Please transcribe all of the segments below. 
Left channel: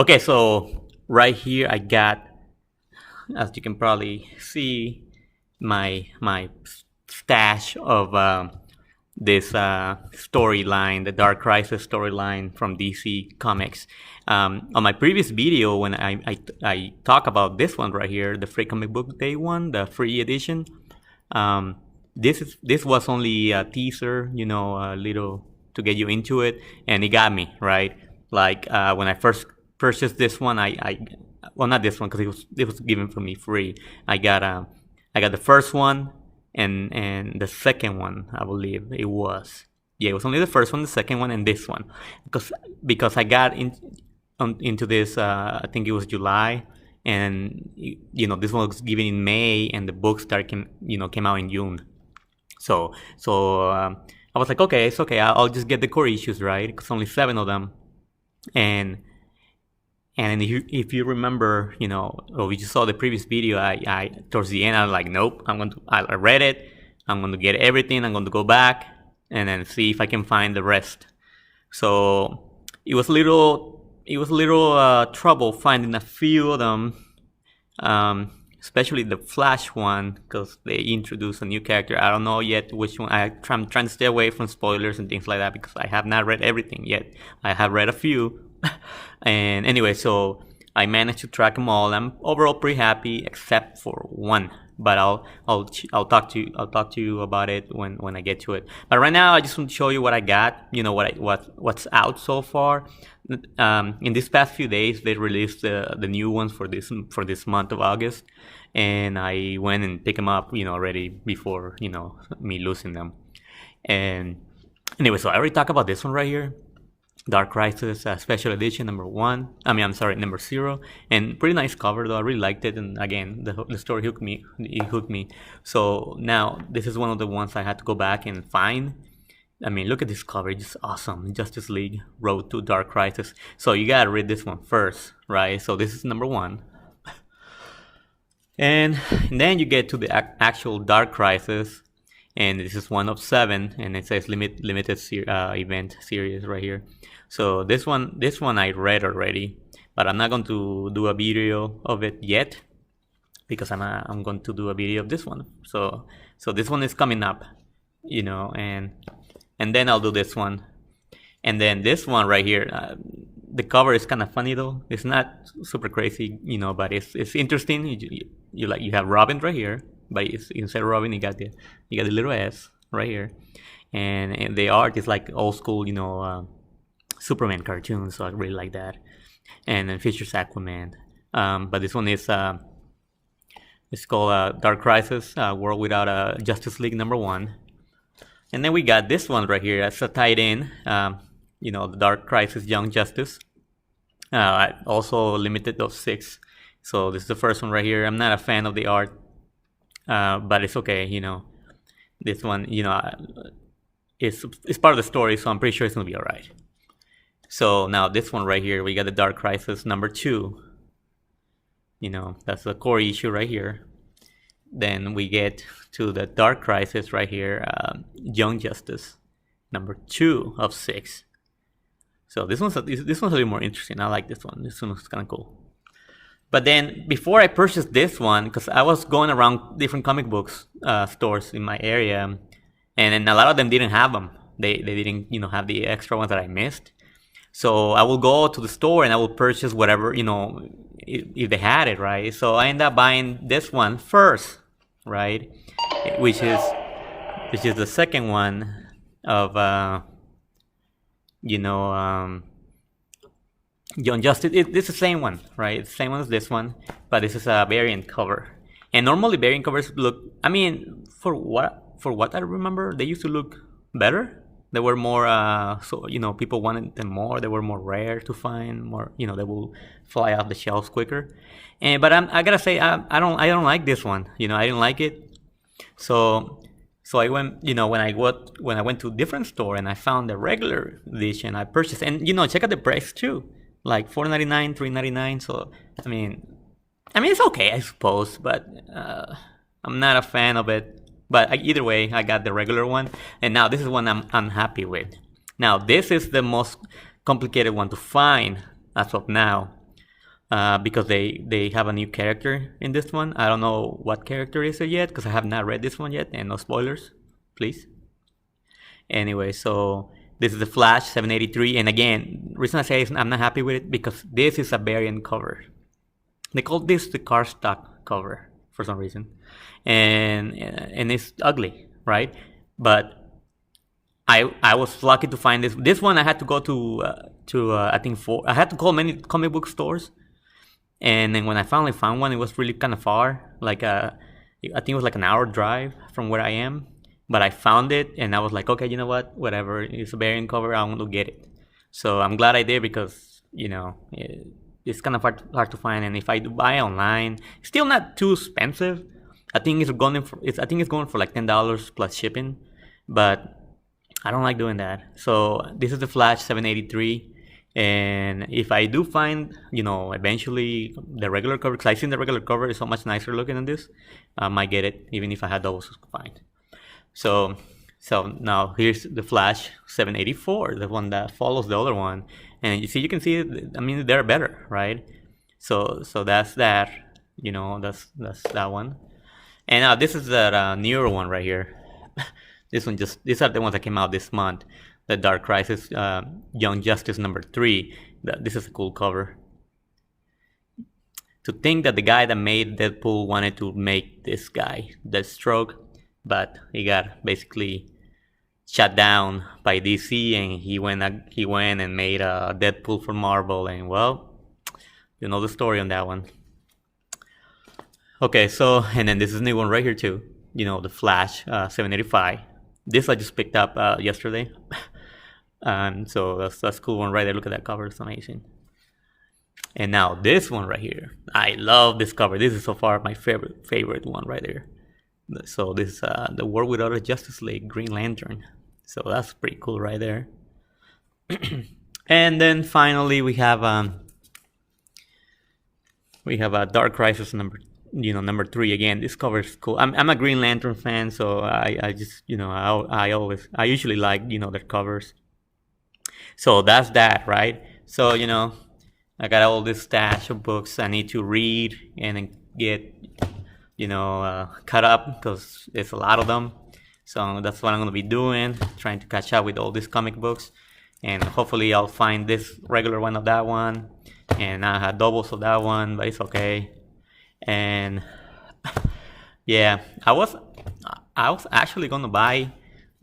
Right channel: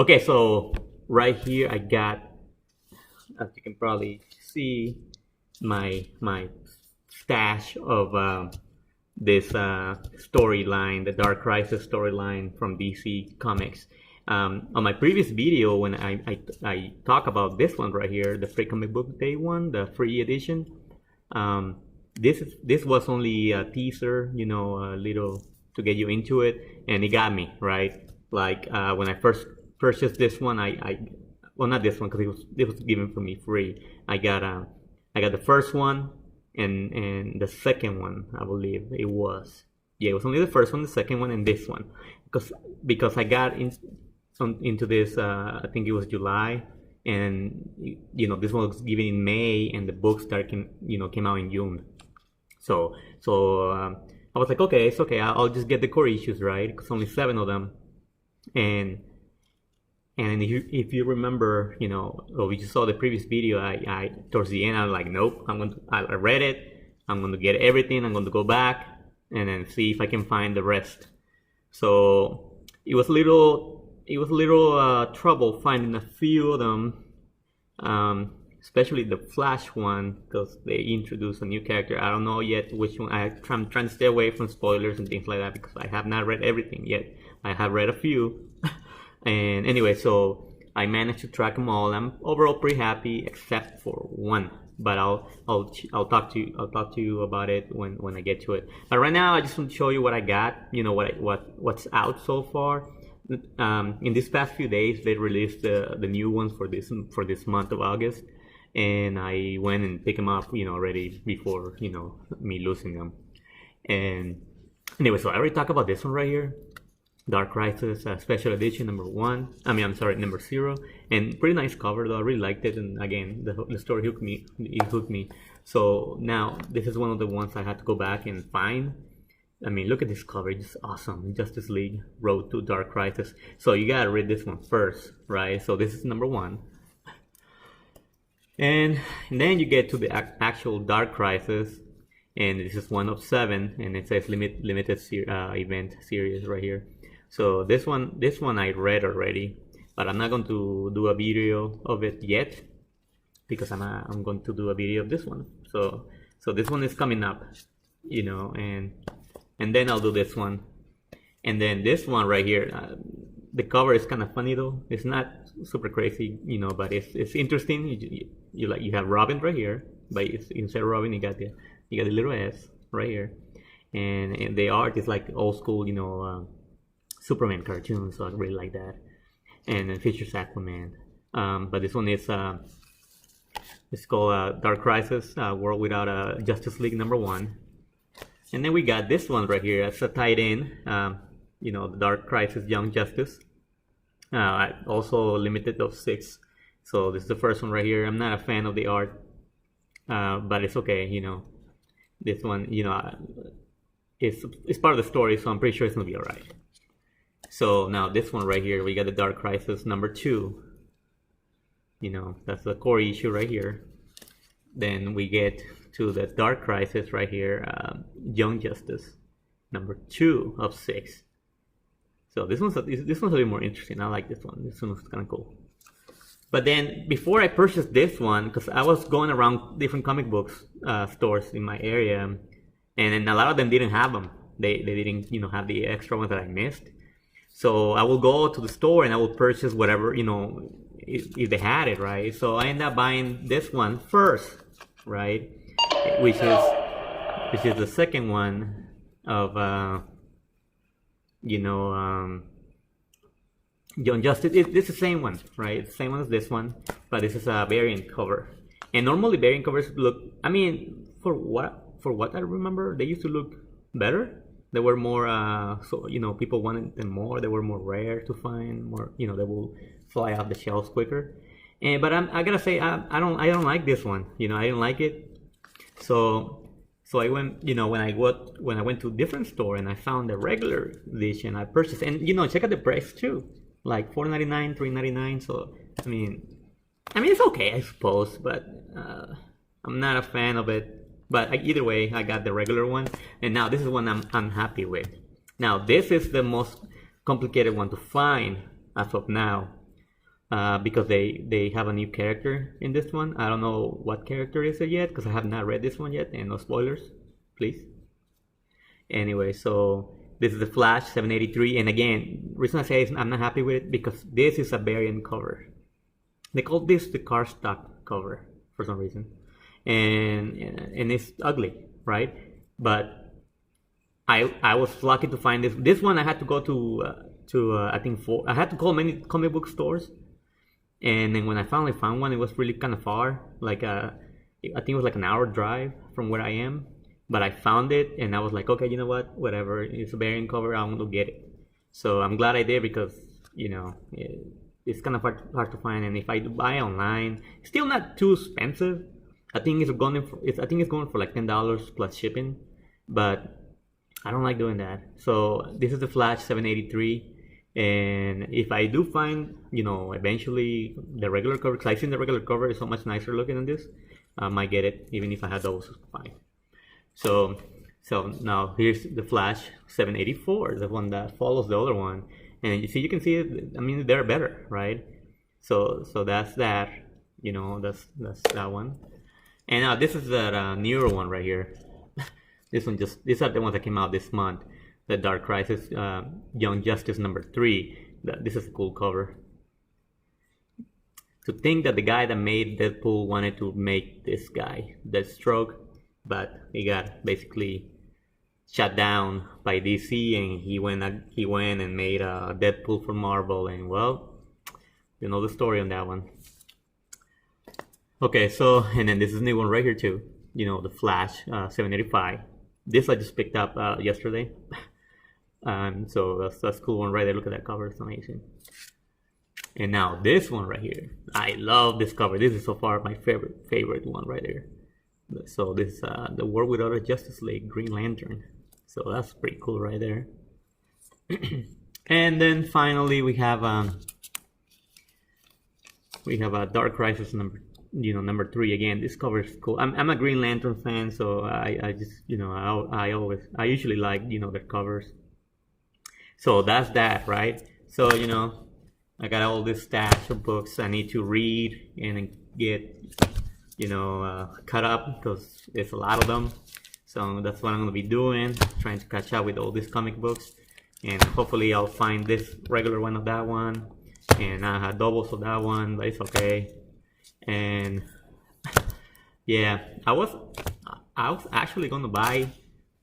Okay, so right here I got, as you can probably see, my stash of this storyline, the Dark Crisis storyline from DC Comics. On my previous video, when I talk about this one right here, the Free Comic Book Day one, the free edition. This was only a teaser, a little to get you into it, and it got me right. Like when I first purchased this one, well, not this one because it was given for me free. I got the first one and the second one, I believe it was. Yeah, it was only the first one, the second one, and this one, because I got into this. I think it was July, and this one was given in May, and the books came out in June. So I was like, okay, it's okay. I'll just get the core issues, right? Because only 7 of them, and if you remember, or we just saw the previous video, I towards the end I was like, nope, I read it. I'm going to get everything. I'm going to go back and then see if I can find the rest. So it was a little trouble finding a few of them, especially the Flash one, because they introduced a new character. I don't know yet which one. I'm trying to stay away from spoilers and things like that because I have not read everything yet. I have read a few. And anyway, so I managed to track them all. I'm overall pretty happy, except for one. But I'll talk to you about it when I get to it. But right now, I just want to show you what I got. What's out so far. In these past few days, they released the new ones for this month of August, and I went and picked them up, already before me losing them. And anyway, so I already talked about this one right here. Dark Crisis Special Edition number 0, and pretty nice cover though. I really liked it, and again, the story hooked me. So now this is one of the ones I had to go back and find. I mean, look at this cover, it's just awesome. Justice League Road to Dark Crisis. So you gotta read this one first, right? So this is number 1, and then you get to the actual Dark Crisis, and this is 1 of 7, and it says limited event series right here. So this one I read already, but I'm not going to do a video of it yet because I'm going to do a video of this one. So this one is coming up, and then I'll do this one, and then this one right here. The cover is kind of funny though. It's not super crazy, but it's interesting. You have Robin right here, but instead of Robin you got the little S right here, and the art is like old school, Superman cartoons, so I really like that. And then features Aquaman. But this one is it's called Dark Crisis, World Without a Justice League number 1. And then we got this one right here. That's a tied-in, the Dark Crisis Young Justice. Also limited of 6. So this is the first one right here. I'm not a fan of the art, but it's okay. This one, it's part of the story, so I'm pretty sure it's gonna be all right. So now this one right here, we got the Dark Crisis number 2. That's the core issue right here. Then we get to the Dark Crisis right here, Young Justice number 2 of 6. So this one's a little more interesting. I like this one. This one was kind of cool. But then before I purchased this one, because I was going around different comic books stores in my area, and a lot of them didn't have them. They didn't have the extra ones that I missed. So I will go to the store and I will purchase whatever, if they had it, right? So I end up buying this one first, right? Which is the second one of Young Justice. It's the same one, right? It's the same one as this one, but this is a variant cover. And normally variant covers look, for what I remember, they used to look better. They were more, people wanted them more. They were more rare to find. More, they will fly off the shelves quicker. But I gotta say, I don't like this one. I didn't like it. So I went, when I went to a different store and I found the regular edition, I purchased. And check out the price too, like $4.99, $3.99. So it's okay, I suppose, but I'm not a fan of it. But either way, I got the regular one, and now this is one I'm unhappy with. Now this is the most complicated one to find as of now. because they have a new character in this one. I don't know what character is it yet because I have not read this one yet, and no spoilers, please. Anyway, so this is the Flash 783, and again, reason I say I'm not happy with it because this is a variant cover. They call this the cardstock cover for some reason, and it's ugly, right? But I was lucky to find this. This one I had to go to I think I had to call many comic book stores, and then when I finally found one, it was really kind of far. Like I think it was like an hour drive from where I am. But I found it, and I was like, okay, you know what? Whatever, it's a variant cover. I want to get it. So I'm glad I did because it's kind of hard to find. And if I do buy online, it's still not too expensive. I think it's going for like $10 plus shipping, but I don't like doing that. So this is the Flash 783, and if I do find eventually the regular cover, because I think the regular cover is so much nicer looking than this, I might get it even if I had those combined. So now here's the Flash 784, the one that follows the other one, and you can see it. I mean, they're better, right? So that's that. That's that one. And now this is the newer one right here. These are the ones that came out this month. The Dark Crisis, Young Justice #3. This is a cool cover. To think that the guy that made Deadpool wanted to make this guy Deathstroke, but he got basically shut down by DC, and he went and made a Deadpool for Marvel, and well, you know the story on that one. Okay, so and then this is a new one right here too. The Flash 785. This I just picked up yesterday, so that's a cool one right there. Look at that cover; it's amazing. And now this one right here, I love this cover. This is so far my favorite one right there. So this is the World Without a Justice League, Green Lantern. So that's pretty cool right there. And then finally we have a Dark Crisis number 3 again. This cover is cool. I'm a Green Lantern fan, so I just I usually like their covers. So that's that, right? So I got all this stash of books I need to read and get caught up because there's a lot of them. So that's what I'm gonna be doing, trying to catch up with all these comic books, and hopefully I'll find this regular one of that one, and I had doubles of that one, but it's okay. And yeah, I was actually gonna buy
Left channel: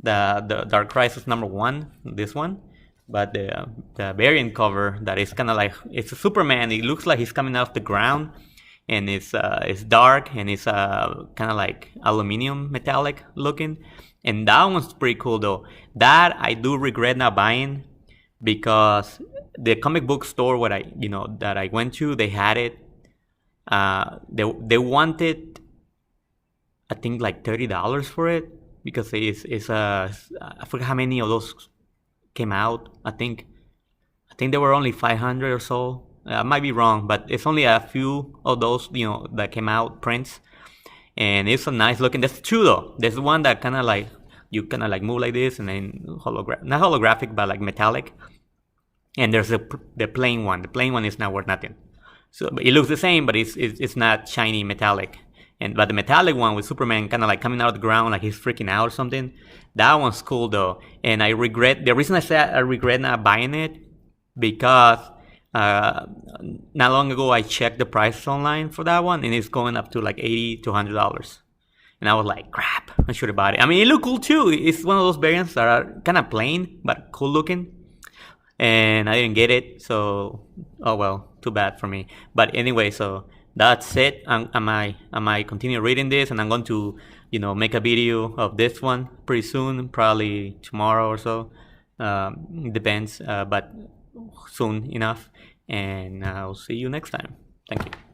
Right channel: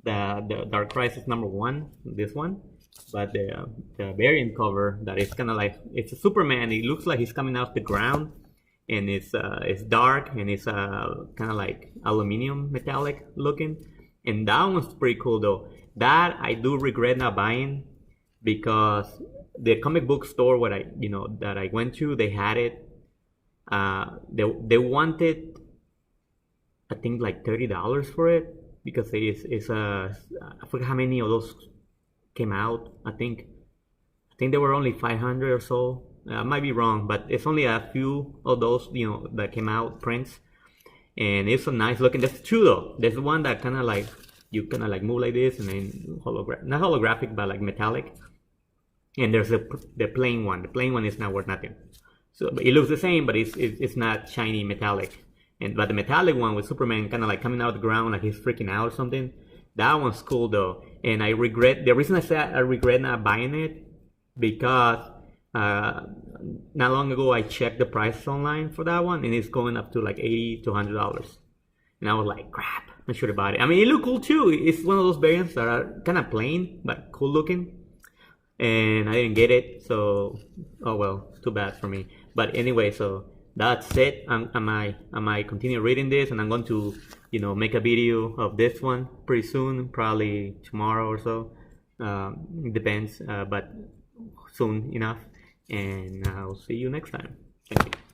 the Dark Crisis #1, this one, but the variant cover that is kind of like, it's a Superman. It looks like he's coming out of the ground, and it's dark, and it's kind of like aluminum metallic looking, and that one's pretty cool though. That I do regret not buying because the comic book store that I went to, they had it. They wanted, I think, like $30 for it because it's I forget how many of those came out. I think there were only 500 or so. I might be wrong, but it's only a few of those that came out prints, and it's a nice looking. That's true though. There's one that kind of like you kind of like move like this, and then not holographic, but like metallic. And there's the plain one. The plain one is not worth nothing. So it looks the same, but it's not shiny metallic. But the metallic one with Superman kind of like coming out of the ground like he's freaking out or something, that one's cool though. And the reason I say I regret not buying it because not long ago I checked the prices online for that one, and it's going up to like $80 to $100. And I was like, crap, I should have bought it. I mean, it looked cool too. It's one of those variants that are kind of plain but cool looking. And I didn't get it, so oh well, too bad for me. But anyway, so that's it. I might continue reading this, and I'm going to make a video of this one pretty soon, probably tomorrow or so. It depends, but soon enough. And I'll see you next time. Thank you.